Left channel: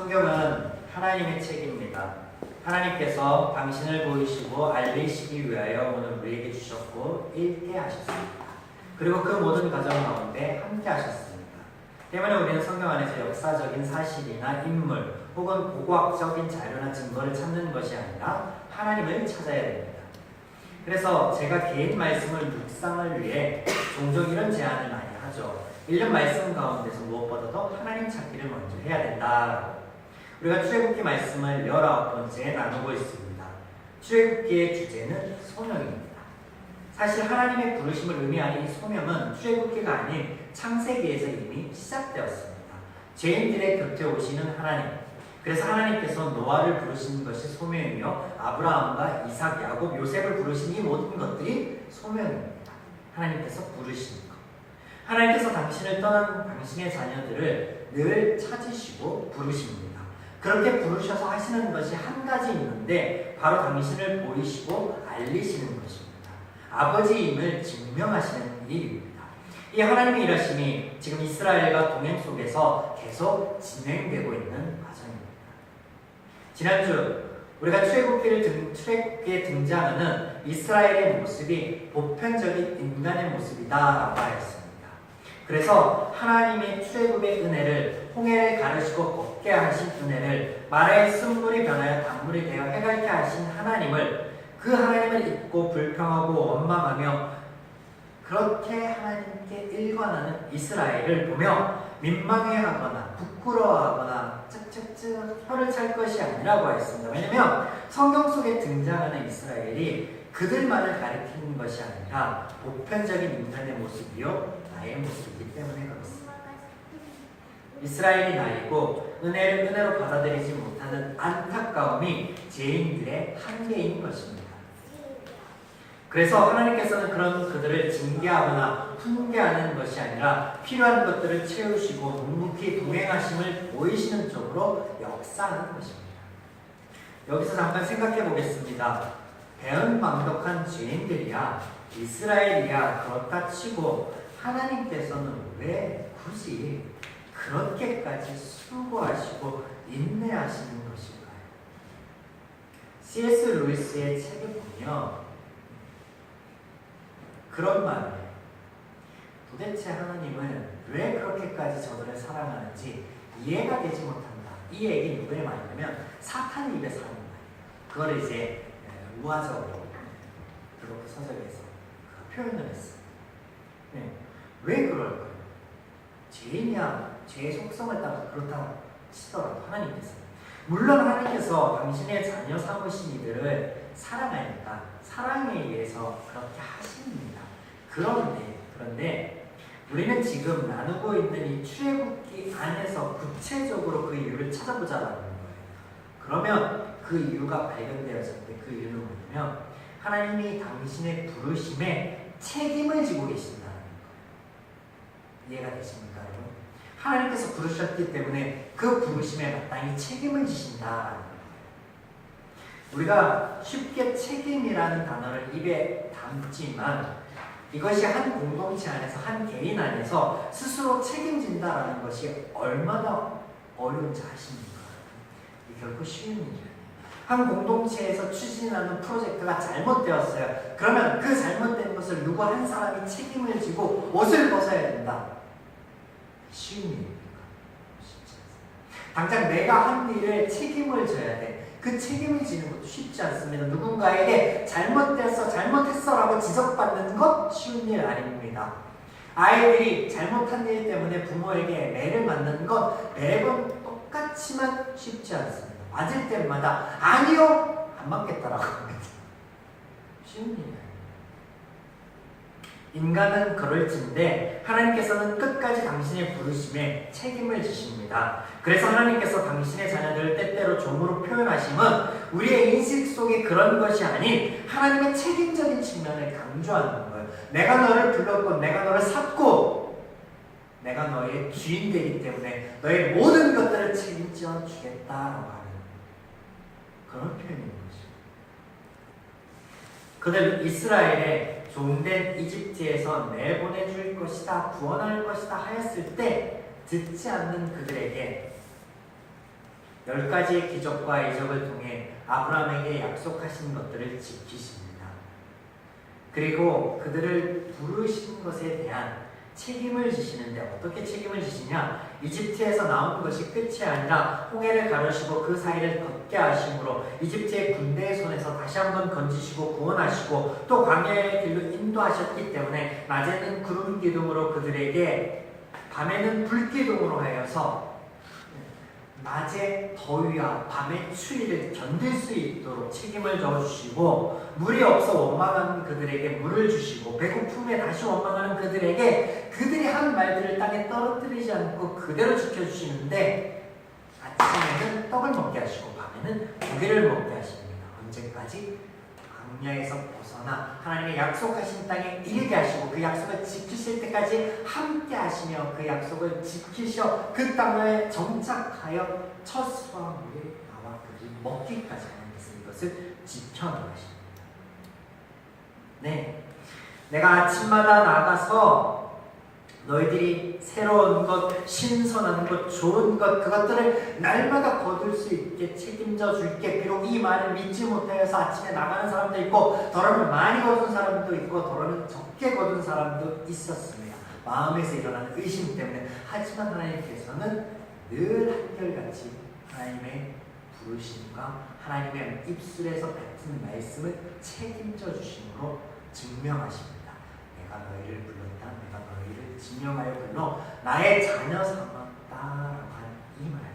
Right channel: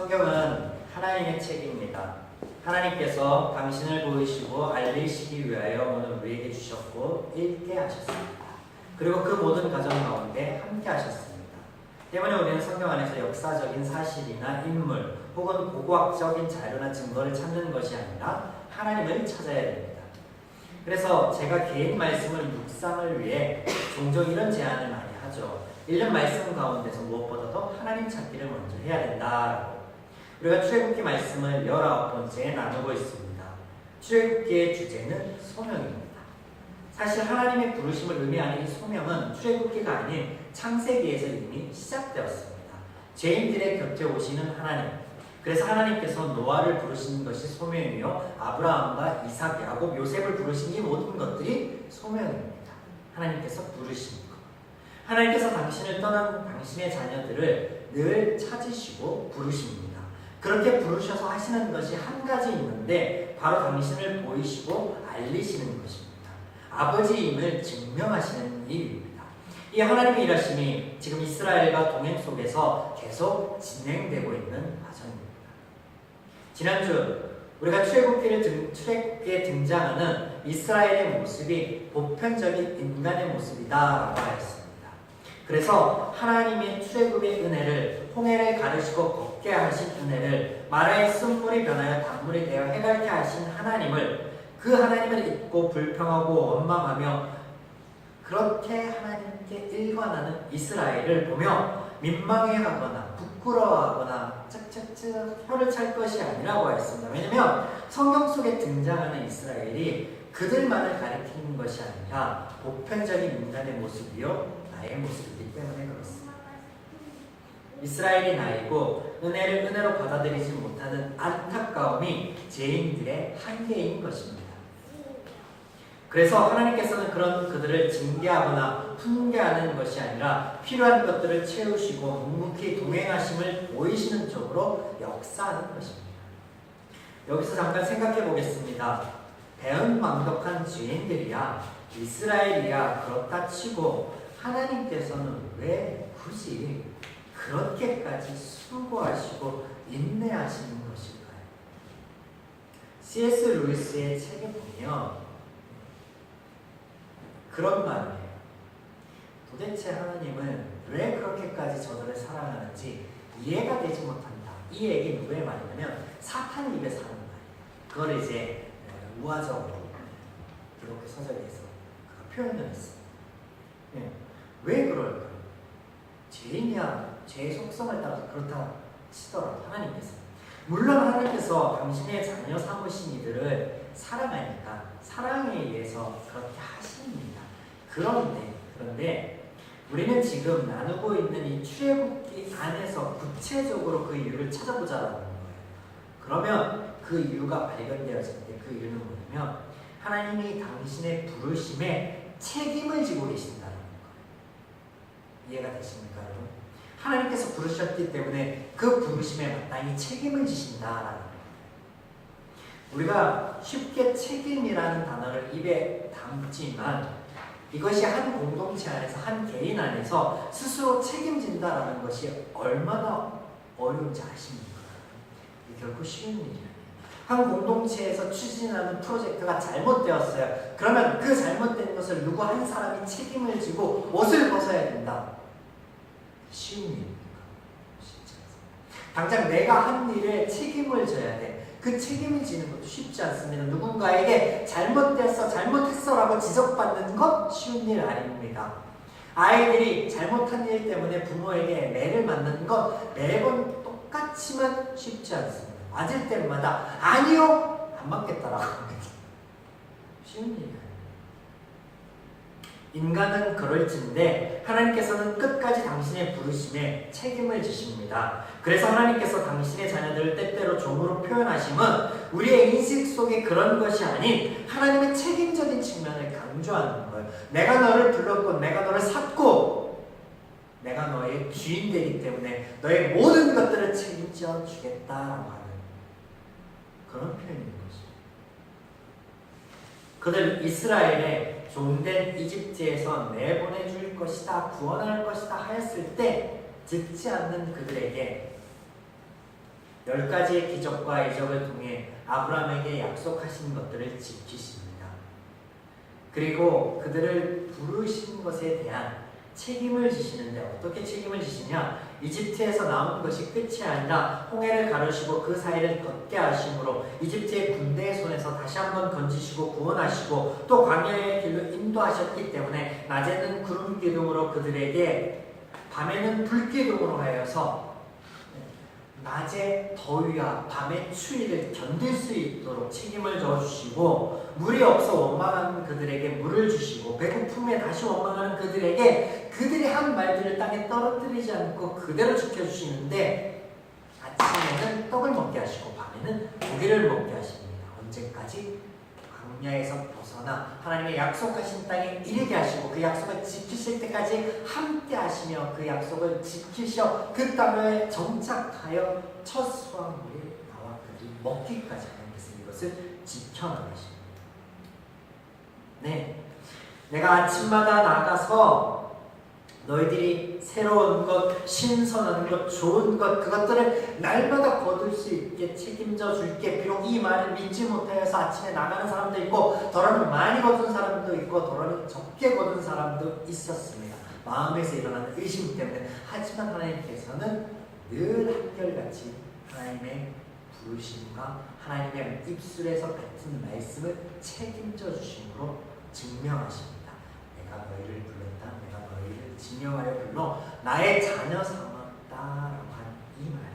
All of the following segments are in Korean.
성경은 하나님의 책입니다. 하나님께서 당신을 보이시고 알리시기 위하여 오늘 우리에게 주셨고 읽게 하셨습니다. 그리고 그 모든 과정 가운데 함께 하셨습니다. 때문에 우리는 성경 안에서 역사적인 사실이나 인물 혹은 고고학적인 자료나 증거를 찾는 것이 아니라 하나님을 찾아야 됩니다. 그래서 제가 개인 말씀을 묵상을 위해 종종 이런 제안을 많이 하죠. 읽는 말씀 가운데서 무엇보다도 하나님 찾기를 먼저 해야 된다. 우리가 출애굽기 말씀을 19번째 나누고 있습니다. 출애굽기의 주제는 소명입니다. 사실 하나님의 부르심을 의미하는 이 소명은 출애굽기가 아닌 창세기에서 이미 시작되었습니다. 죄인들의 곁에 오시는 하나님, 그래서 하나님께서 노아를 부르신 것이 소명이며 아브라함과 이삭, 야곱, 요셉을 부르신 이 모든 것들이 소명입니다. 하나님께서 부르신 것. 하나님께서 당신을 떠난 당신의 자녀들을 늘 찾으시고 부르십니다. 그렇게 부르셔서 하시는 것이 한 가지 있는데 바로 당신을 보이시고 알리시는 것입니다. 아버지임을 증명하시는 일입니다. 이 하나님의 일하심이 지금 이스라엘과 동행 속에서 계속 진행되고 있는 과정입니다. 지난주 우리가 출애굽기에 등장하는 이스라엘의 모습이 보편적인 인간의 모습이다라고 하였습니다. 그래서 하나님의 출애굽의 은혜를 홍해를 가르시고 걷게 하신 은혜를 마라의 쓴물이 변하여 단물이 되어 해갈게 하신 하나님을 그 하나님을 잊고 불평하고 원망하며 그렇게 하나님께 일관하는 이스라엘을 보며 민망해하거나 부끄러워하거나 쩍쩍쩍 혀를 찰 것이 아니라고 하였습니다. 왜냐하면 성경 속에 등장하는 이스라엘이 그들만을 가리키는 것이 아니라 보편적인 인간의 모습이요 나의 모습이기 때문에 그렇습니다. 이스라엘이 나이고 은혜를 은혜로 받아들이지 못하는 안타까움이 죄인들의 한계인 것입니다. 그래서 하나님께서는 그런 그들을 징계하거나 훈계하는 것이 아니라 필요한 것들을 채우시고 묵묵히 동행하심을 보이시는 쪽으로 역사하는 것입니다. 여기서 잠깐 생각해 보겠습니다. 배은망덕한 죄인들이야 이스라엘이야 그렇다 치고 하나님께서는 왜 굳이 그렇게까지 수고하시고 인내하시는 것일까요? C.S. 루이스의 책에 보면 그런 말을 해요. 도대체 하나님은 왜 그렇게까지 저들을 사랑하는지 이해가 되지 못한다. 이 얘기 누구의 말이냐면 사탄 입에서 하는 말. 그걸 이제 우화적으로 기독교 서적에서 표현을 했어요. 네. 왜 그럴까요? 죄인이야 죄의 속성을 따라서 그렇다 치더라도 하나님께서 물론 하나님께서 당신의 자녀 삼으신 이들을 사랑하니까 사랑에 의해서 그렇게 하십니다. 그런데 우리는 지금 나누고 있는 이 출애굽기 안에서 구체적으로 그 이유를 찾아보자라는 거예요. 그러면 그 이유가 발견되었을 때 그 이유는 뭐냐면 하나님이 당신의 부르심에 책임을 지고 계신다는 거예요. 이해가 되십니까, 여러분? 하나님께서 부르셨기 때문에 그 부르심에 마땅히 책임을 지신다라는 거예요. 우리가 쉽게 책임이라는 단어를 입에 담지만 이것이 한 공동체 안에서 한 개인 안에서 스스로 책임진다라는 것이 얼마나 어려운지 아십니까? 이게 결코 쉬운 일이 아니에요. 한 공동체에서 추진하는 프로젝트가 잘못되었어요. 그러면 그 잘못된 것을 누구 한 사람이 책임을 지고 옷을 벗어야 된다. 쉬운 일입니까? 쉽지 않습니다. 당장 내가 한 일에 책임을 져야 돼. 그 책임을 지는 것도 쉽지 않습니다. 누군가에게 잘못했어 라고 지적받는 것 쉬운 일 아닙니다. 아이들이 잘못한 일 때문에 부모에게 매를 맞는 것 매번 똑같지만 쉽지 않습니다. 맞을 때마다 아니요 안 맞겠다라고 합니다. 쉬운 일이 아닙니다. 인간은 그럴진데 하나님께서는 끝까지 당신의 부르심에 책임을 지십니다. 그래서 하나님께서 당신의 자녀들을 때때로 종으로 표현하심은 우리의 인식 속에 그런 것이 아닌 하나님의 책임적인 측면을 강조하는 거예요. 내가 너를 불렀고 내가 너를 샀고 내가 너의 주인 되기 때문에 너의 모든 것들을 책임져 주겠다라고 하는 그런 표현인 것입니다. 그들 이스라엘의 종된 이집트에서 내보내줄 것이다, 구원할 것이다 하였을 때 듣지 않는 그들에게 10가지의 기적과 이적을 통해 아브라함에게 약속하신 것들을 지키십니다. 그리고 그들을 부르신 것에 대한 책임을 지시는데 어떻게 책임을 지시냐? 이집트에서 나온 것이 끝이 아니라 홍해를 가르시고 그 사이를 걷게 하심으로 이집트의 군대의 손에서 다시 한번 건지시고 구원하시고 또 광야의 길로 인도하셨기 때문에 낮에는 구름 기둥으로 그들에게 밤에는 불 기둥으로 하여서 낮의 더위와 밤의 추위를 견딜 수 있도록 책임을 져주시고 물이 없어 원망하는 그들에게 물을 주시고 배고픔에 다시 원망하는 그들에게 그들이 한 말들을 땅에 떨어뜨리지 않고 그대로 지켜주시는데 아침에는 떡을 먹게 하시고 밤에는 고기를 먹게 하십니다. 언제까지? 광야에서 벗어나 하나님의 약속하신 땅에 이르게 하시고 그 약속을 지키실 때까지 함께 하시며 그 약속을 지키셔 그 땅에 정착하여 첫 수확물이 나와 그들이 먹기까지 하나님께서 이것을 지켜나가십니다. 네, 내가 아침마다 나가서 너희들이 새로운 것, 신선한 것, 좋은 것 그것들을 날마다 거둘 수 있게 책임져 줄게. 비록 이 말을 믿지 못하여서 아침에 나가는 사람도 있고 더러는 많이 거둔 사람도 있고 더러는 적게 거둔 사람도 있었습니다. 마음에서 일어나는 의심 때문에. 하지만 하나님께서는 늘 한결같이 하나님의 부르심과 하나님의 입술에서 뱉은 말씀을 책임져 주심으로 증명하십니다. 내가 너희를 불렀다. 내가 너희를 지명하여 불러 나의 자녀 삼았다라고 하는 이 말이에요.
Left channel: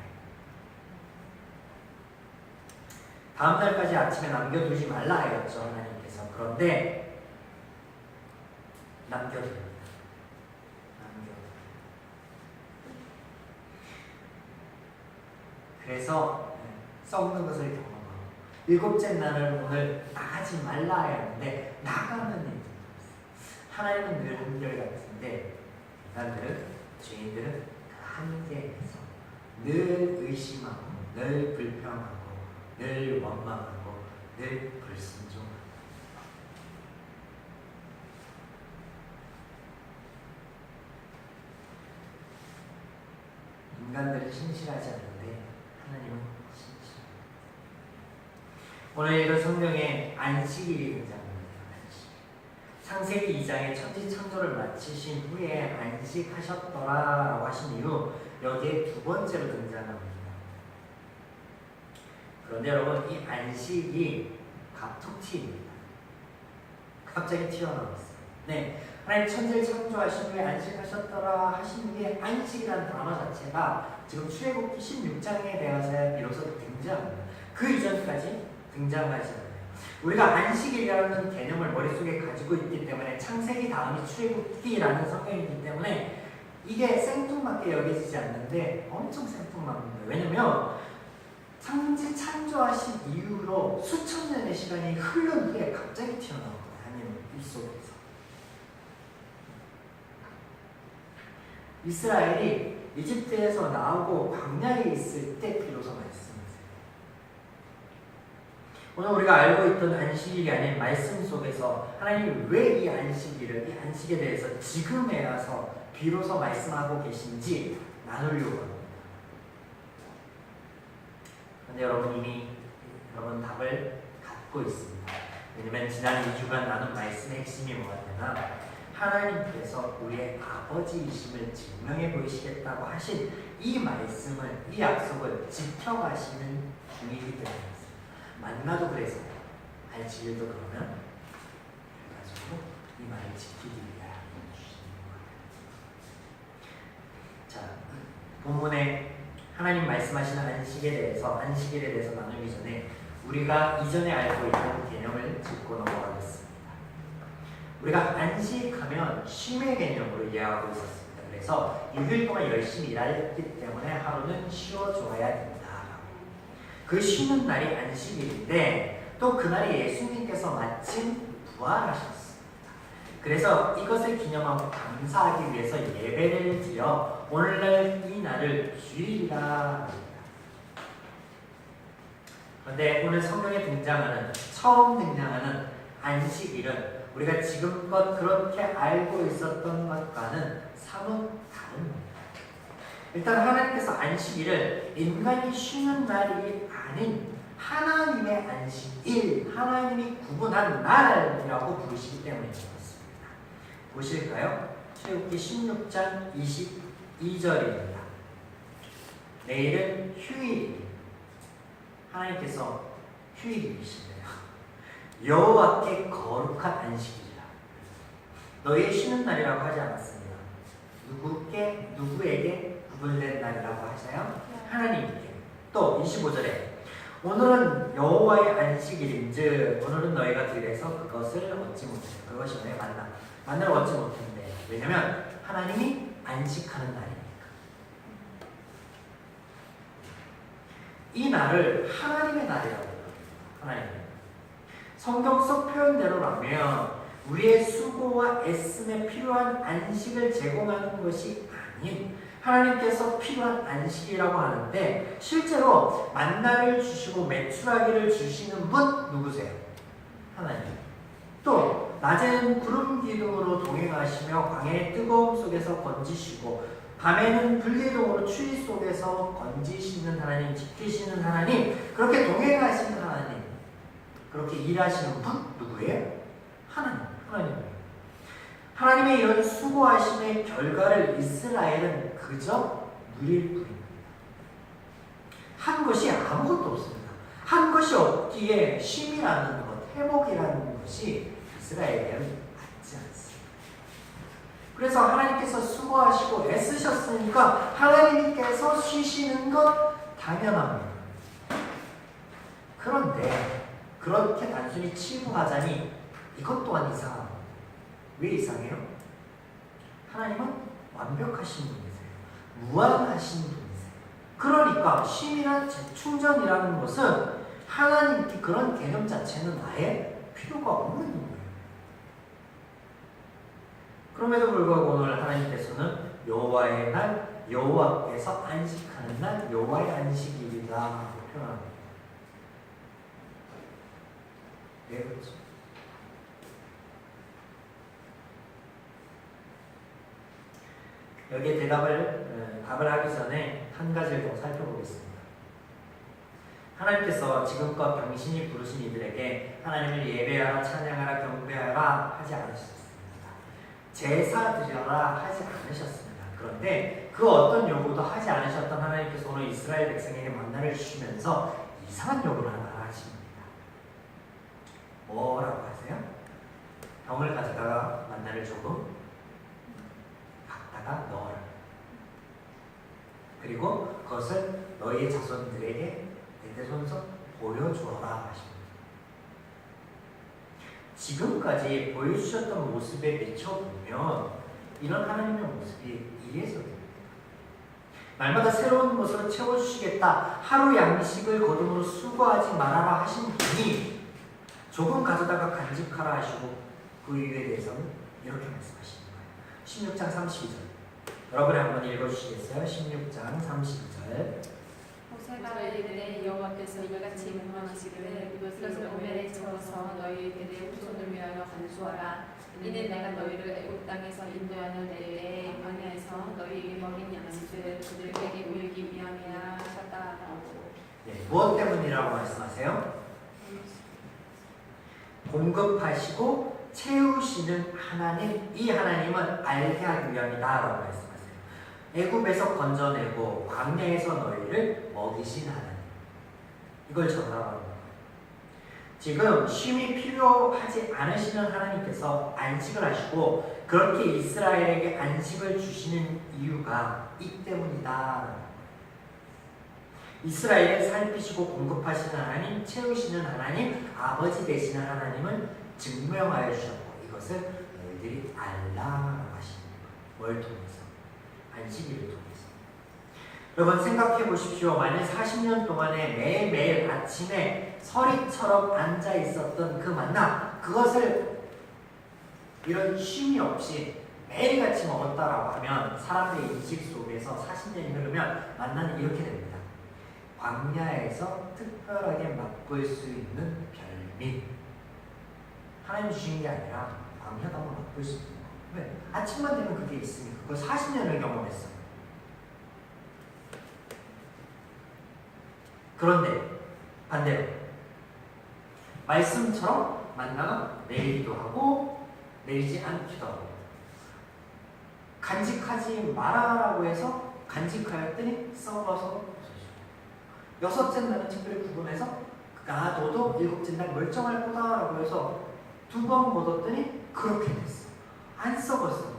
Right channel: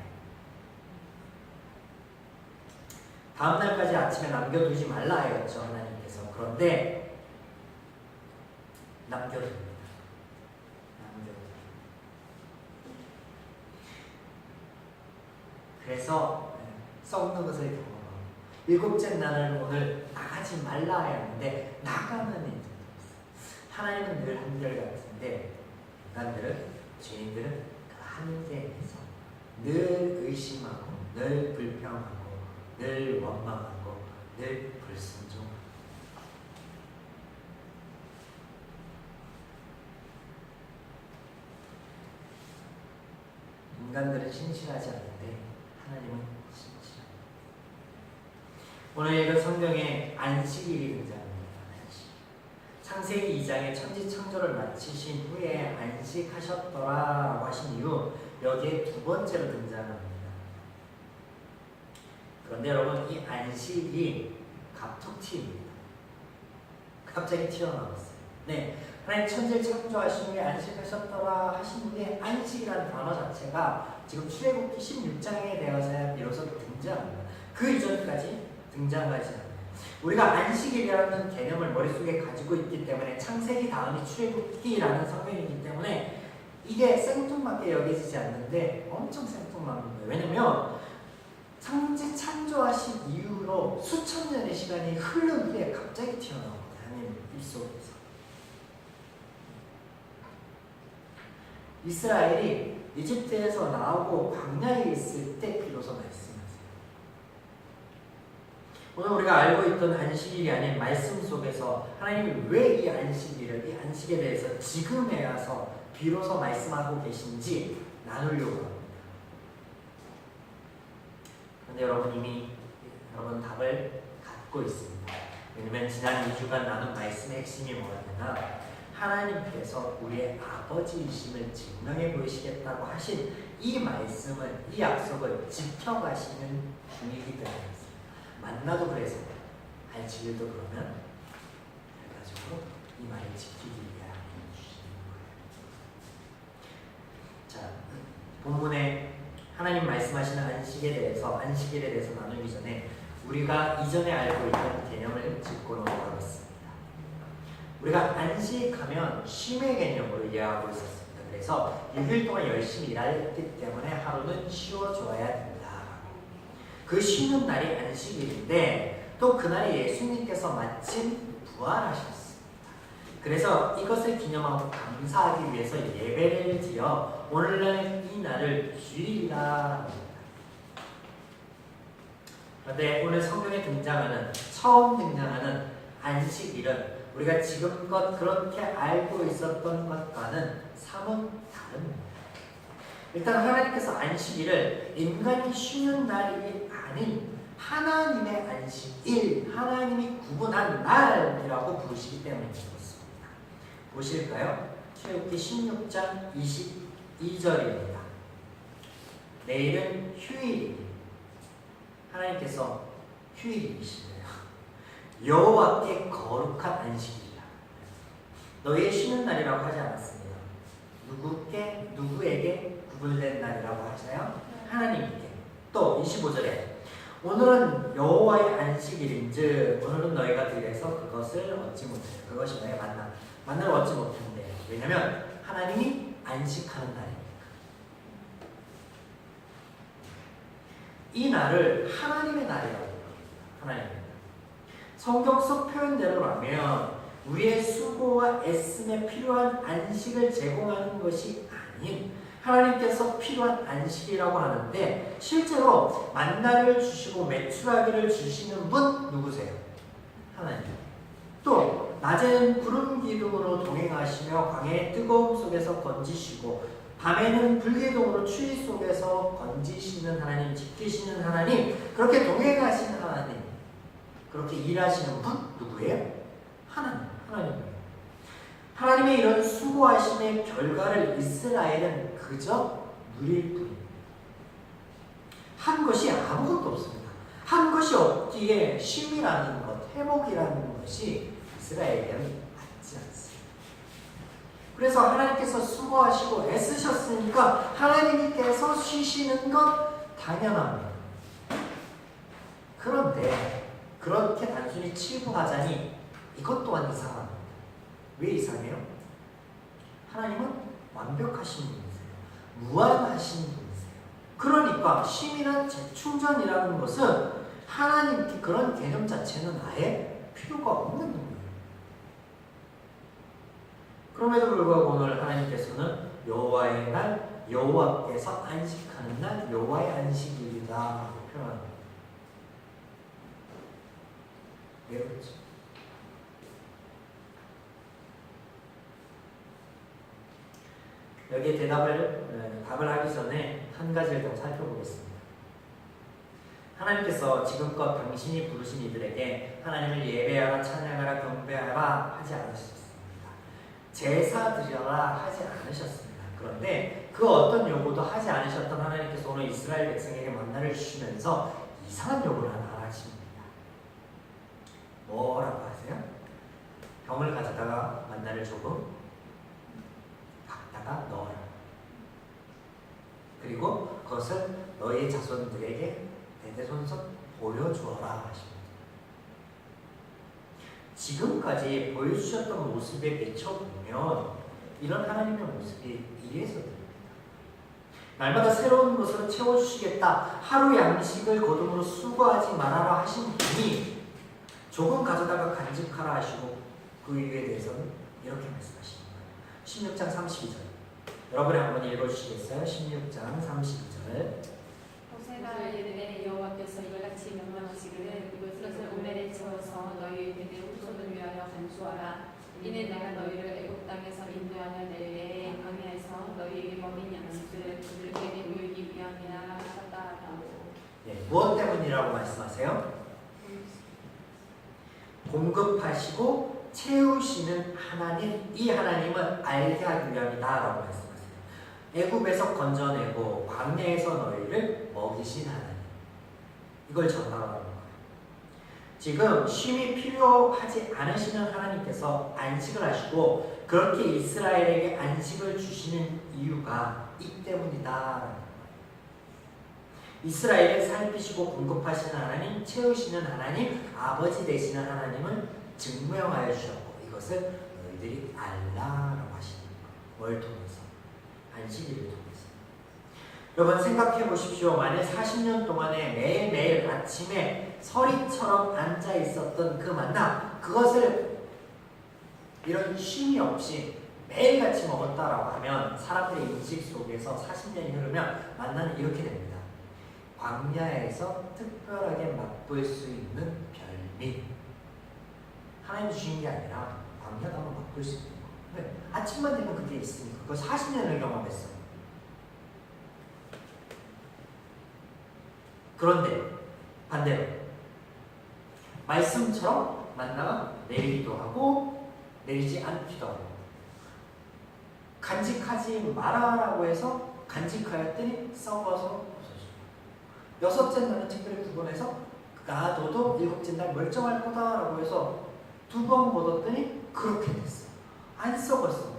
다음 날까지 아침에 남겨두지 말라 하였죠, 하나님께서. 그런데 남겨둡니다. 그래서 썩는 것을 경험하고 일곱째 날을 오늘 나가지 말라 하였는데 나가는 일이 하나님은 늘 한결같은데 인간들은, 죄인들은 그 한계에서 늘 의심하고 늘 불평하고 늘 원망하고 늘 불순종하고 인간들은 신실하지 않는데 하나님은 신실합니다. 오늘 읽은 성경에 안식일이 등장합니다. 창세기 2장의 천지창조를 마치신 후에 안식하셨더라라고 하신 이후 여기에 두 번째로 등장합니다. 그런데 여러분, 이 안식이 갑툭튀입니다. 갑자기 튀어나왔어요. 네, 하나님 천지를 창조하신 후에 안식하셨더라 하신 후에 안식이라는 단어 자체가 지금 출애굽기 16장에 대해서야 비로소 등장합니다. 그 이전까지 등장하지 않아요. 우리가 안식일이라는 개념을 머릿속에 가지고 있기 때문에 창세기 다음이 출애굽기라는 성경이기 때문에 이게 생뚱맞게 여겨지지 않는데 엄청 생뚱맞습니다. 왜냐면 창지 창조하신 이후로 수천 년의 시간이 흐른 후에 갑자기 튀어나옵니다. 하나님 입속에서. 이스라엘이 이집트에서 나오고 광야에 있을 때 비로소 말씀하세요. 오늘 우리가 알고 있던 안식일이 아닌 말씀 속에서 하나님이 왜 이 안식일을, 이 안식에 대해서 지금에 와서 비로소 말씀하고 계신지 나누려고 합니다. 그런데 여러분 이미 여러분 답을 갖고 있습니다. 왜냐면 지난 2주간 나눈 말씀의 핵심이 뭐냐면 하나님께서 우리의 아버지이심을 증명해 보이시겠다고 하신 이 말씀을, 이 약속을 지켜가시는 중이기 때문입니다. 만나도 그래서 알지도 그러면 그래가지고 이 말을 지키기 위하여 주시는 거예요. 자, 본문에 하나님 말씀하시는 안식일에 대해서 나누기 전에 우리가 이전에 알고 있던 개념을 짚고 넘어가겠습니다. 우리가 안식하면 쉼의 개념으로 이해하고 있었습니다. 그래서 6일 동안 열심히 일했기 때문에 하루는 쉬어줘야 된다. 그 쉬는 날이 안식일인데 또 그날이 예수님께서 마침 부활하셨습니다. 그래서 이것을 기념하고 감사하기 위해서 예배를 드려 오늘날 이 날을 주일이라. 그런데 오늘 성경에 처음 등장하는 안식일은 우리가 지금껏 그렇게 알고 있었던 것과는 사뭇 다릅니다. 일단 하나님께서 안식일을 인간이 쉬는 날이 아닌 하나님의 안식일, 하나님이 구분한 날이라고 부르시기 때문에 그렇습니다. 보실까요? 출애굽기 16장 22절입니다. 내일은 휴일입니다. 하나님께서 휴일이시래요. 여호와께 거룩한 안식일이라. 너희의 쉬는 날이라고 하지 않았습니다. 누구에게 구분된 날이라고 하세요? 하나님께. 또 25절에 오늘은 여호와의 안식일인즉 오늘은 너희가 들에서 그것을 얻지 못해. 그것이 너의 만나를 얻지 못한대. 왜냐하면 하나님이 안식하는 날이니까. 이 날을 하나님의 날이라고 해요. 하나님. 성경 속 표현대로라면 우리의 수고와 애씀에 필요한 안식을 제공하는 것이 아닌 하나님께서 필요한 안식이라고 하는데 실제로 만나를 주시고 메추라기를 주시는 분 누구세요? 하나님. 또 낮에는 구름 기둥으로 동행하시며 광야의 뜨거움 속에서 건지시고 밤에는 불기둥으로 추위 속에서 건지시는 하나님, 지키시는 하나님, 그렇게 동행하시는 하나님, 그렇게 일하시는 분 누구예요? 하나님이에요. 하나님의 이런 수고하심의 결과를 이스라엘은 그저 누릴 뿐입니다. 한 것이 아무것도 없습니다. 한 것이 없기에 쉼이라는 것, 회복이라는 것이 이스라엘에는 맞지 않습니다. 그래서 하나님께서 수고하시고 애쓰셨으니까 하나님께서 쉬시는 것 당연합니다. 그런데 그렇게 단순히 치부하자니 이것 또한 이상합니다. 왜 이상해요? 하나님은 완벽하신 분이세요. 무한하신 분이세요. 그러니까 쉼이란 재충전이라는 것은 하나님께 그런 개념 자체는 아예 필요가 없는 거예요. 그럼에도 불구하고 오늘 하나님께서는 여호와의 날, 여호와께서 안식하는 날, 여호와의 안식일이다 표현합니다. 왜 그렇지? 여기에 답을 하기 전에 한 가지를 더 살펴보겠습니다. 하나님께서 지금껏 당신이 부르신 이들에게 하나님을 예배하라, 찬양하라, 경배하라 하지 않으셨습니다. 제사 드려라 하지 않으셨습니다. 그런데 그 어떤 요구도 하지 않으셨던 하나님께서 오늘 이스라엘 백성에게 만나를 주시면서 이상한 요구를 하나 하십니다. 뭐라고 하세요? 병을 가져다가 만나를 조금 갖다가 넣어라. 그리고 그것을 너희의 자손들에게 대대손손 보여주어라 하십니다. 지금까지 보여주셨던 모습에 비춰보면 이런 하나님의 모습이 이래서 됩니다. 날마다 새로운 것으로 채워주시겠다. 하루 양식을 거둠으로 수고하지 말아라 하신 분이 조금 가져다가 간직하라 하시고 그 이유에 대해서는 이렇게 말씀하십니다. 16장 32절 여러분이 한번 읽어주시겠어요? 16장 32절 모세가 이르되 여호와께서 이같이 명령하시기를 이것을 오멜에 채워서 너희에게 후손을 위하여 간수하라. 이는 내가 너희를 애굽 땅에서 인도하는 때에 광야에서 너희에게 먹인 양식을 그들에게 보이기 위함이라 하셨다라고. 네, 무엇 때문이라고 말씀하세요? 공급하시고 채우시는 하나님, 이 하나님은 알게 하기 위함이다라고 말씀하세요. 애굽에서 건져내고 광야에서 너희를 먹이신 하나님, 이걸 전하라는 거예요. 지금 쉼이 필요하지 않으시는 하나님께서 안식을 하시고 그렇게 이스라엘에게 안식을 주시는 이유가 이 때문이다. 이스라엘을 살피시고 공급하시는 하나님, 채우시는 하나님, 아버지 되시는 하나님을 증명하여 주셨고 이것을 너희들이 알라라고 하십니다. 뭘 통해서? 안식일을 통해서. 여러분 생각해 보십시오. 만약 40년 동안에 매일매일 아침에 서리처럼 앉아 있었던 그 만나, 그것을 이런 쉼이 없이 매일같이 먹었다라고 하면 사람들의 인식 속에서 40년이 흐르면 만나는 이렇게 됩니다. 광야에서 특별하게 맛볼 수 있는 별미. 하나님 주신 게 아니라 광야도 한번 맛볼 수 있는 거예요. 왜? 아침만 되면 그게 있으니까. 그걸 40년을 경험했어요. 그런데 반대로 말씀처럼 만나가 내리기도 하고 내리지 않기도 하고 간직하지 마라라고 해서 간직하였더니 썩어서 부서져요. 여섯째 날은 특별히 구분해서 너도 일곱째 날 멀쩡할 거다라고 해서 2번 걷었더니 그렇게 됐어요. 안 썩었어.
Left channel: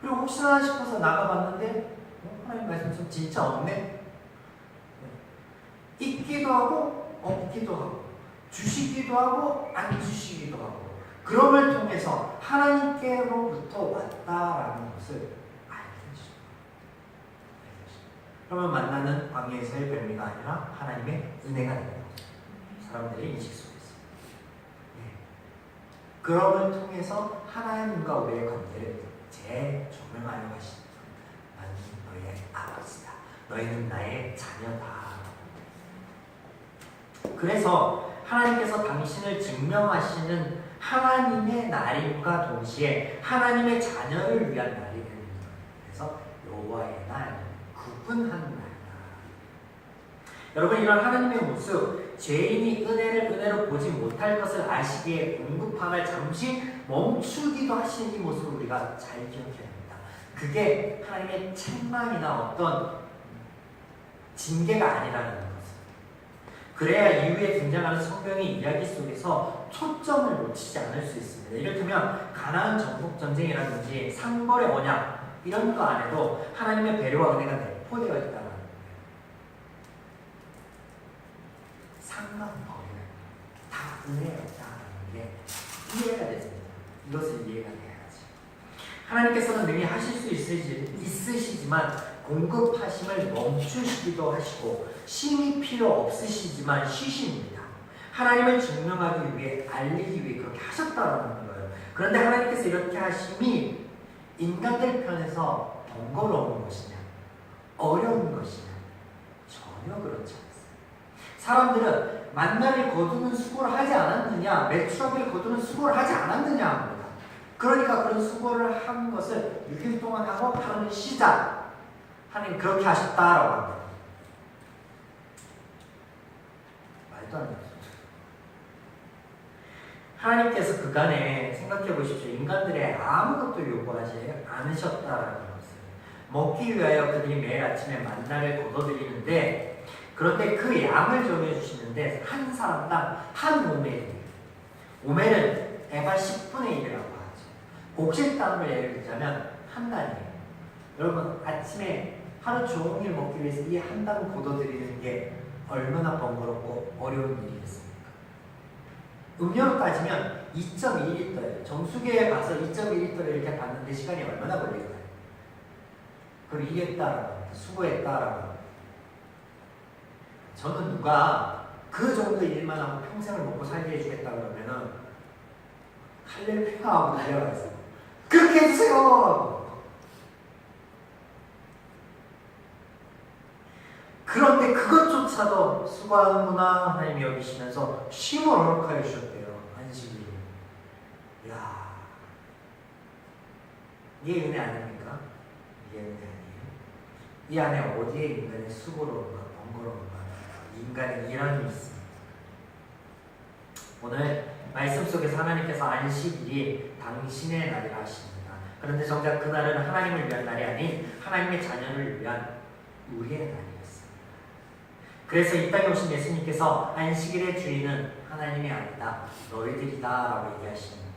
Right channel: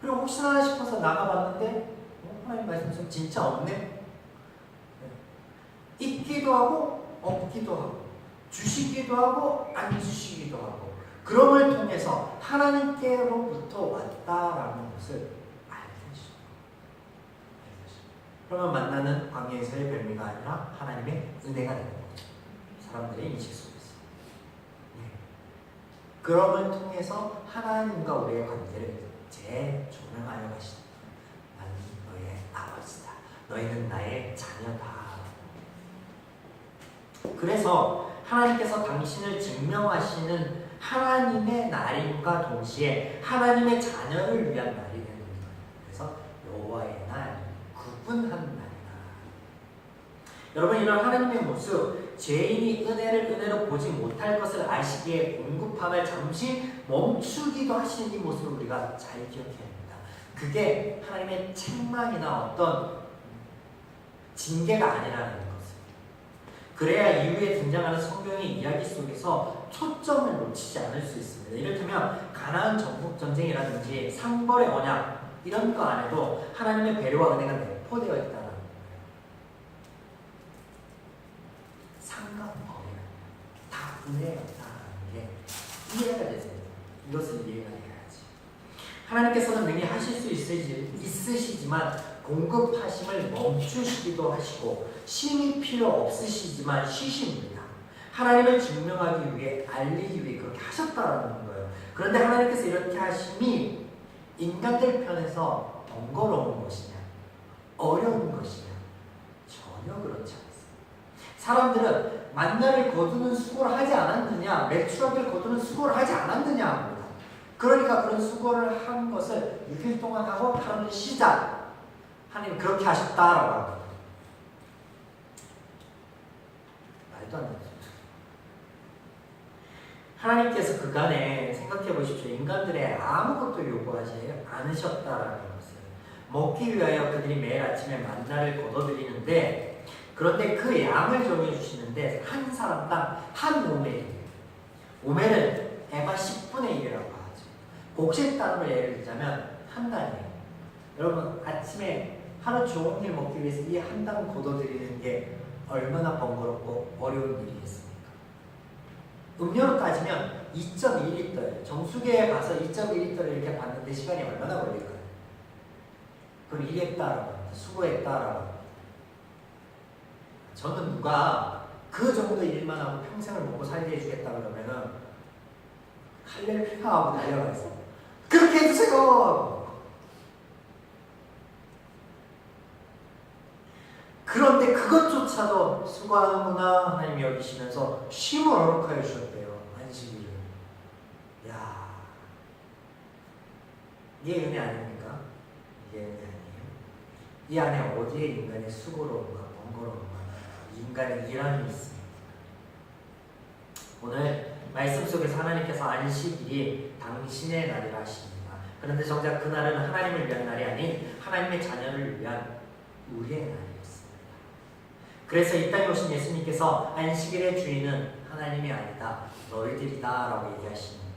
그리고 혹시나 싶어서 나가봤는데 하나님 말씀처럼 진짜 없네. 네. 있기도 하고 없기도 하고 주시기도 하고 안 주시기도 하고 그럼을 통해서 하나님께로부터 왔다라는 것을 알게 되죠. 그러면 만나는 광야에서의 별미가 아니라 하나님의 은혜가 되는 거죠. 사람들의 인식 속에서. 네. 그럼을 통해서 하나님과 우리의 관계를 재조명하려 하시는 나는 너의 아버지다. 너희는 나의 자녀다. 그래서 하나님께서 당신을 증명하시는 하나님의 날임과 동시에 하나님의 자녀를 위한 날이 됩니다. 그래서 여호와의 날, 구분한 날이다. 여러분 이런 하나님의 모습, 죄인이 은혜로 보지 못할 것을 아시기에 공급함을 잠시 멈추기도 하시는 이 모습을 우리가 잘 기억해야 합니다. 그게 하나님의 책망이나 어떤 징계가 아니라는 것을. 그래야 이후에 등장하는 성경의 이야기 속에서 초점을 놓치지 않을 수 있습니다. 이를테면 가나안 정복 전쟁이라든지 상벌의 언약 이런 거 안에도 하나님의 배려와 은혜가 내포되어 있다는 거예요. 상관없어요. 다 은혜였다는 게 이해가 되죠. 이것을 이해가 돼야지. 하나님께서는 능히 하실 수 있으시지만 공급하심을 멈추시기도 하시고 쉼이 필요 없으시지만 쉬십니다. 하나님을 증명하기 위해 알리기 위해 그렇게 하셨다는 거예요. 그런데 하나님께서 이렇게 하심이 인간들 편에서 번거로운 것이냐 어려운 것이냐 전혀 그렇지 않습니다. 사람들은 만나를 거두는 수고를 하지 않았느냐 매출하기를 거두는 수고를 하지 않았느냐 합니다. 그러니까 그런 수고를 한 것을 6일 동안 하고 하루는 쉬자. 하나님 그렇게 하셨다라고 합니다. 말도 안 되죠. 하나님께서 그간에 생각해 보십시오. 인간들의 아무것도 요구하지 않으셨다라는 것을 먹기 위하여 그들이 매일 아침에 만나를 거둬들이는데 그런데 그 양을 정해주시는데 한 사람당 한 오멜입니다. 오멜은 에바 10분의 1이라고 하죠. 곡식 단음을 예를 들자면 한 단이에요. 여러분 아침에 하루 종일 먹기 위해서 이 한 단 걷어들이는 게 얼마나 번거롭고 어려운 일이겠습니까? 음료로 따지면 2.2리터예요. 정수기에 가서 2.2리터를 이렇게 봤는데 시간이 얼마나 걸릴까요? 그리고 이겼다라고 수고했다라고. 저는 누가 그 정도 일만 하고 평생을 먹고 살게 해주겠다 그러면은 할렐루야 하고 달려가 있어요. 그렇게 해주세요. 그런데 그것조차도 수고하는구나 하나님이 여기시면서 쉼을 허락하여 주셨대요. 안식일. 야, 이게 은혜 아닙니까? 이게 은혜 아니에요? 이 안에 어디에 인간의 수고로움과 번거로움과 인간의 일함이 있습니다. 오늘 말씀 속에서 하나님께서 안식일이 당신의 날이라 하십니다. 그런데 정작 그날은 하나님을 위한 날이 아닌 하나님의 자녀를 위한 우리의 날이었습니다. 그래서 이 땅에 오신 예수님께서 안식일의 주인은 하나님이 아니다 너희들이다 라고 얘기하시는 거예요.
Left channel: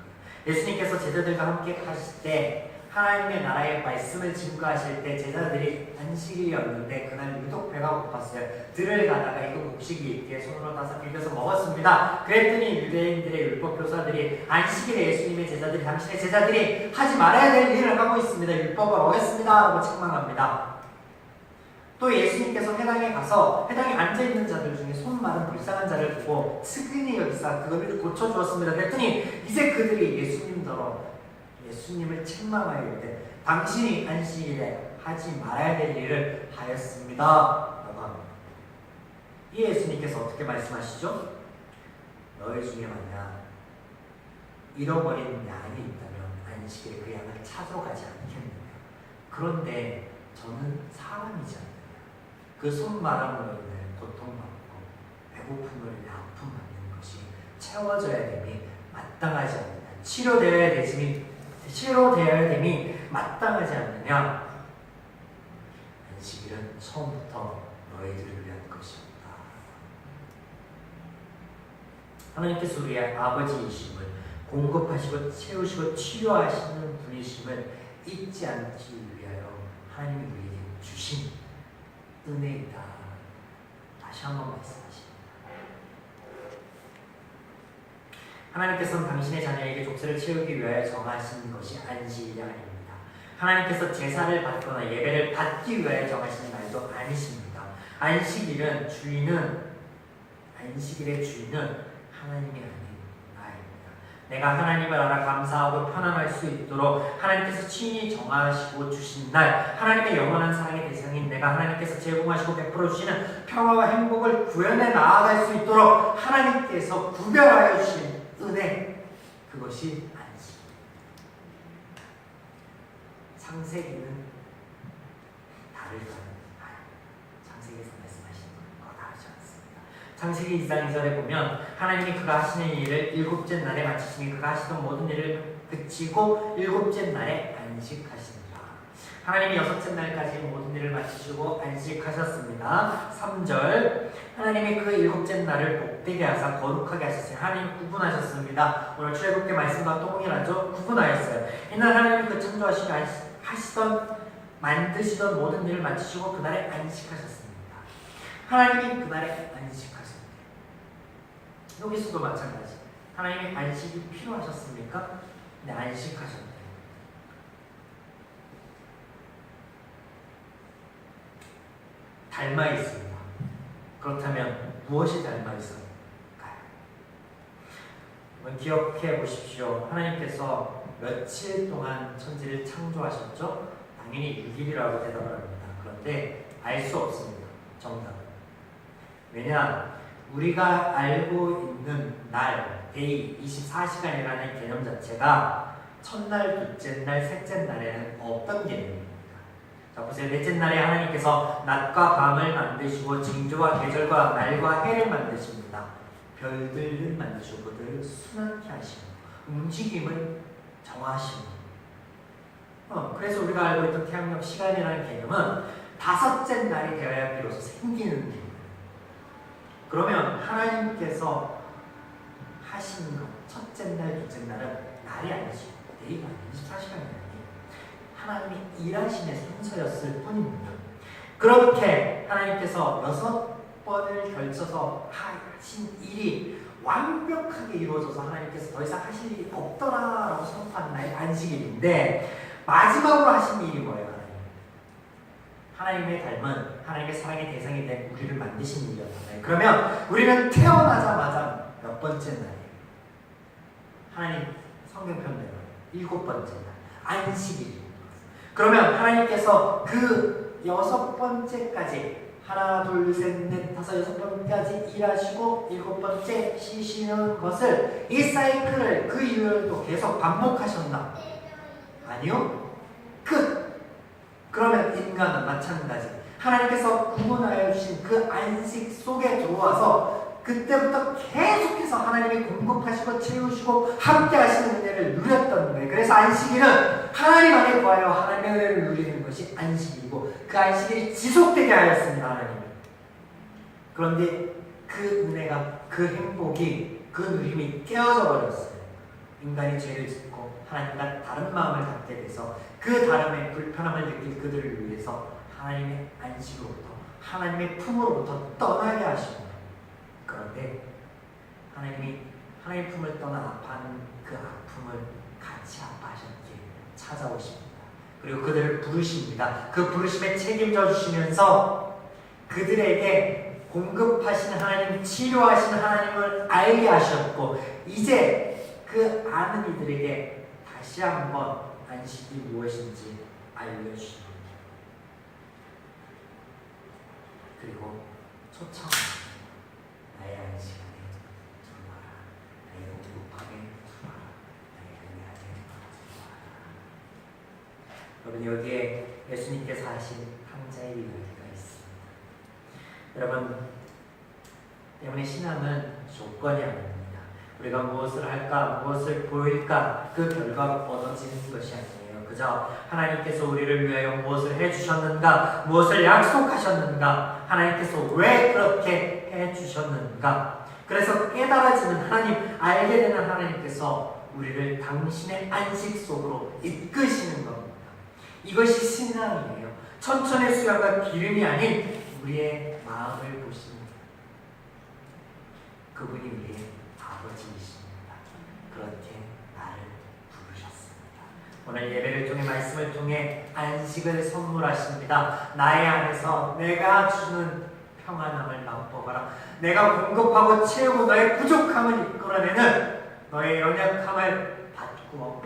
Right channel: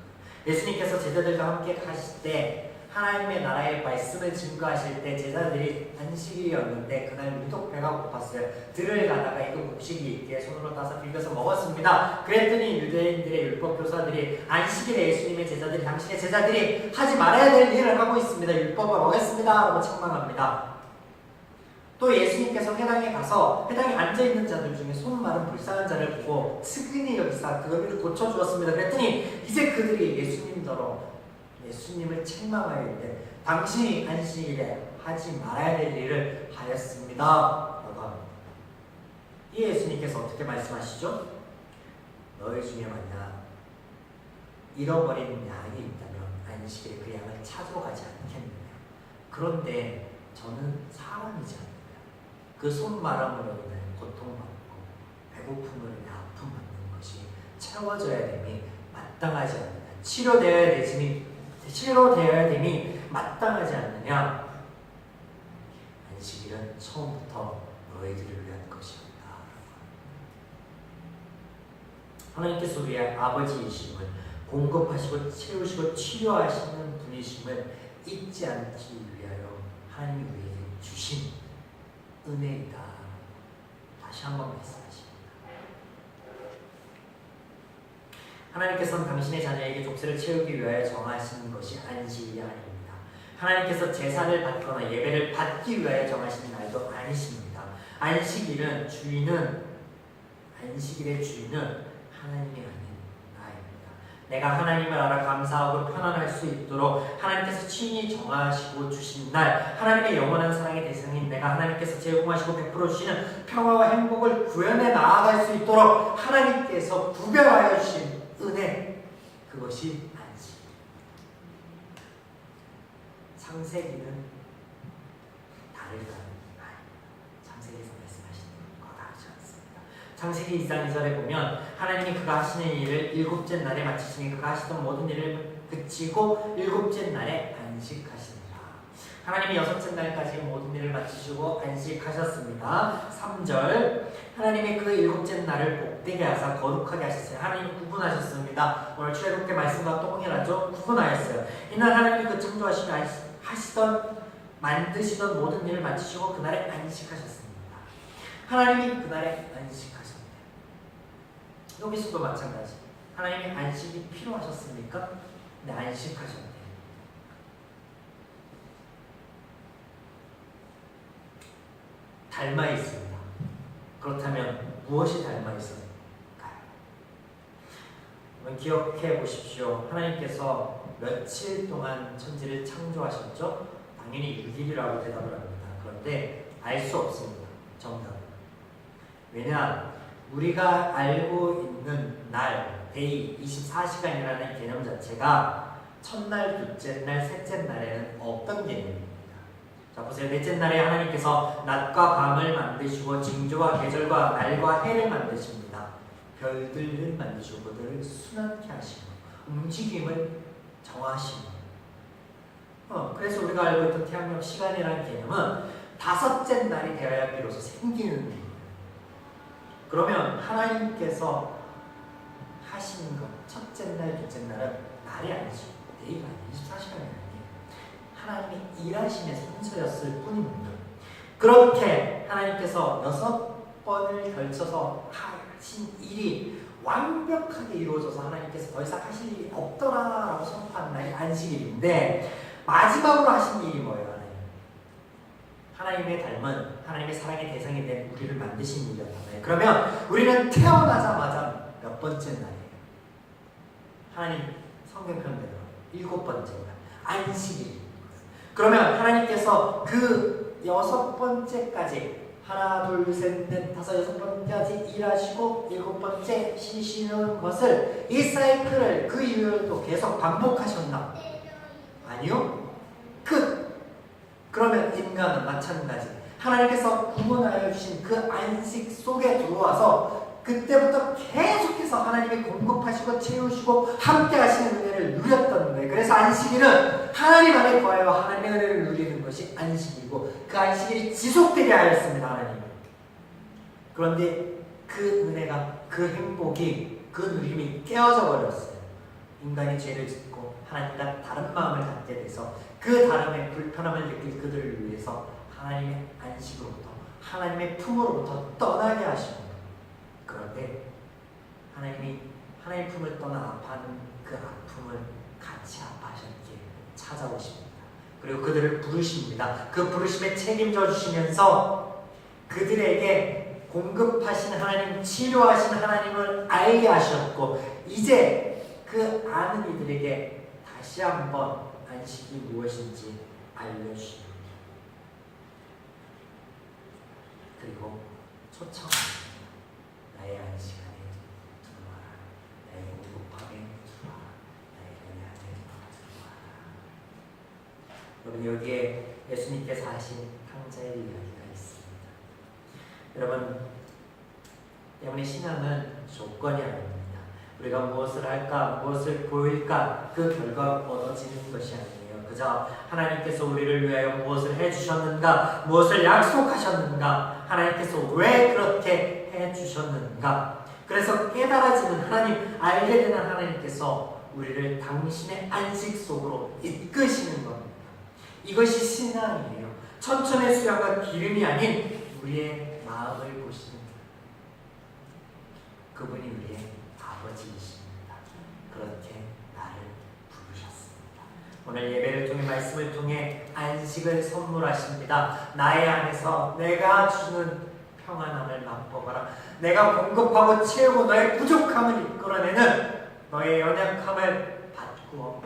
예수님께서 제자들과 함께 가실 때 하나님의 나라의 말씀을 증거하실 때 제자들이 안식일이었는데 그날 유독 배가 고팠어요. 들을 가다가 이거 곡식이 있기에 손으로 따서 비벼서 먹었습니다. 그랬더니 유대인들의 율법 교사들이 안식일에 예수님의 제자들이 당신의 제자들이 하지 말아야 될 일을 하고 있습니다. 율법을 어겼습니다 라고 책망합니다. 또 예수님께서 회당에 가서 회당에 앉아있는 자들 중에 손 마른 불쌍한 자를 보고 측은히 여기사 그를 고쳐주었습니다. 그랬더니 이제 그들이 예수님을 책망하여 이르되 당신이 안식일에 하지 말아야 될 일을 하였습니다 라고 합니다. 이 예수님께서 어떻게 말씀하시죠? 너희 중에 만약 잃어버린 양이 있다면 안식일에 그 양을 찾으러 가지 않겠느냐. 그런데 저는 사람이지 않느냐. 그 손 마름으로 인해 고통받고 배고픔을 내 아픔 받는 것이 채워져야 되니 마땅하지 않느냐. 치료되어야 되니 마땅하지 않느냐. 안식일은 처음부터 너희들을 위한 것입니다. 하나님께서 우리의 아버지이심을, 공급하시고 채우시고 치료하시는 분이심을 잊지 않기 위하여 하나님이 우리에게 주신 은혜이다. 다시 한번 말씀하십니다. 하나님께서는 당신의 자녀에게 족쇄를 채우기 위하여 정하신 것이 안식일이 아닙니다. 하나님께서 제사를 받거나 예배를 받기 위하여 정하신 날도 아니십니다. 안식일의 주인은 하나님이 아닌 나입니다. 내가 하나님을 알아 감사하고 편안할 수 있도록 하나님께서 친히 정하시고 주신 날, 하나님의 영원한 사랑의 대상인 내가 하나님께서 제공하시고 베풀어 주시는 평화와 행복을 구현해 나아갈 수 있도록 하나님께서 구별하여 주신 은혜, 그것이 안식. 창세기는 다르다. 창세기에서 말씀하시는 것과 다르지 않습니다. 창세기 2장 2절에 보면 하나님이 그가 하시는 일을 일곱째 날에 마치시니 그가 하시던 모든 일을 그치고 일곱째 날에 안식하신다. 하나님이 여섯째 날까지 모든 일을 마치시고 안식하셨습니다. 3절 하나님이 그 일곱째 날을 복되게 하사 거룩하게 하셨어요. 하나님이 구분하셨습니다. 오늘 출애굽기 말씀과 동일하죠. 구분하였어요. 이날 하나님이 그 창조하시고 만드시던 모든 일을 마치시고 그날에 안식하셨습니다. 하나님이 그날에 안식하셨네요. 여기서도 마찬가지. 하나님이 안식이 필요하셨습니까? 네, 안식하셨네요. 닮아 있습니다. 그렇다면 무엇이 닮아 있을까요? 기억해 보십시오. 하나님께서 며칠 동안 천지를 창조하셨죠? 당연히 6일이라고 대답을 합니다. 그런데 알 수 없습니다. 정답. 왜냐? 우리가 알고 있는 날, 데이, 24시간이라는 개념 자체가 첫날, 둘째 날, 셋째 날에는 없던 개념입니다. 자, 보세요. 넷째 날에 하나님께서 낮과 밤을 만드시고 징조와 계절과 날과 해를 만드십니다. 별들을 만드시고 그들을 순환케 하시고 움직임을 정하시고 그래서 우리가 알고 있던 태양력 시간이라는 개념은 다섯째 날이 되어야 비로소 생기는 겁니다. 그러면 하나님께서 하시는 것, 첫째 날, 둘째 날은 날이 아니죠. 데이가 24시간이 아니에요. 하나님이 일하심의 성서였을 뿐입니다. 그렇게 하나님께서 6번을 걸쳐서 하신 일이 완벽하게 이루어져서 하나님께서 더 이상 하실 일이 없더라라고 선포한 날이 안식일인데, 마지막으로 하신 일이 뭐예요? 하나님의 닮은 하나님의 사랑의 대상이 된 우리를 만드신 일이었잖아요. 그러면 우리는 태어나자마자 몇 번째 날이에요? 하나님 성경편대로 7번째 날 안식일입니다. 그러면 하나님께서 그 6번째까지 하나, 둘, 셋, 넷, 다섯, 6번까지 일하시고 7번째 쉬시는 것을, 이 사이클을 그 이후에도 계속 반복하셨나? 아니요. 끝. 그러면 인간은 마찬가지. 하나님께서 구분하여 주신 그 안식 속에 들어와서 그때부터 계속해서 하나님이 공급하시고 채우시고 함께 하시는 은혜를 누렸던 거예요. 그래서 안식일은 하나님 안에 거하여 하나님의 은혜를 누리는 것이 안식이고, 그 안식일이 지속되게 하였습니다. 하나님이. 그런데 그 은혜가, 그 행복이, 그 누림이 깨어져 버렸어요. 인간이 죄를 짓고 하나님과 다른 마음을 갖게 돼서 그 다름의 불편함을 느낄 그들을 위해서 하나님의 안식으로부터, 하나님의 품으로부터 떠나게 하시고, 그런데 하나님이 하나님 품을 떠나 아파하는 그 아픔을 같이 아파하셨기에 찾아오십니다. 그리고 그들을 부르십니다. 그 부르심에 책임져 주시면서 그들에게 공급하신 하나님, 치료하신 하나님을 알게 하셨고, 이제 그 아는 이들에게 다시 한번 안식이 무엇인지 알려주십니다. 그리고 초청합니다. 나의 안식안에 들어와라. 나의 공급함에 들어와라. 나의 은혜안에 들어와라. 여러분, 여기에 예수님께서 하신 탕자의 이야기가 있습니다. 여러분, 때문에 신앙은 조건이 아닙니다. 우리가 무엇을 할까, 무엇을 보일까, 그 결과 얻어지는 것이 아니에요. 그저 하나님께서 우리를 위하여 무엇을 해주셨는가, 무엇을 약속하셨는가, 하나님께서 왜 그렇게 해주셨는가. 그래서 깨달아지는 하나님, 알게 되는 하나님께서 우리를 당신의 안식 속으로 이끄시는 겁니다. 이것이 신앙이에요. 천천의 수양과 기름이 아닌 우리의 마음을 보시는 그분이 우리의 아버지이십니다. 그렇게 나를 부르셨습니다. 오늘 예배를 통해 말씀을 통해 안식을 선물하십니다. 나의 안에서 내가 주는 평안함을 맛보거라. 내가 공급하고 채우고 너의 부족함을 이끌어내는 너의 연약함을 바꾸어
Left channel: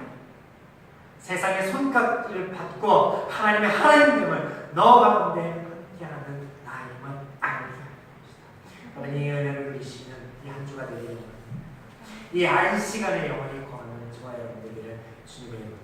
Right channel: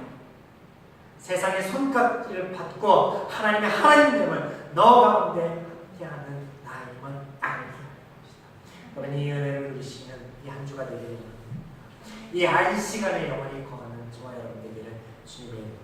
세상의 손가락을 바꾸어 하나님의 하나님됨을 너 가운데 함께하는 나임을 알게 합시다. 오늘 이 은혜를 누리시는 이 한 주가 되기를 이 안식안에 영원히 거하는 저와 여러분 되기를 주님의 이름으로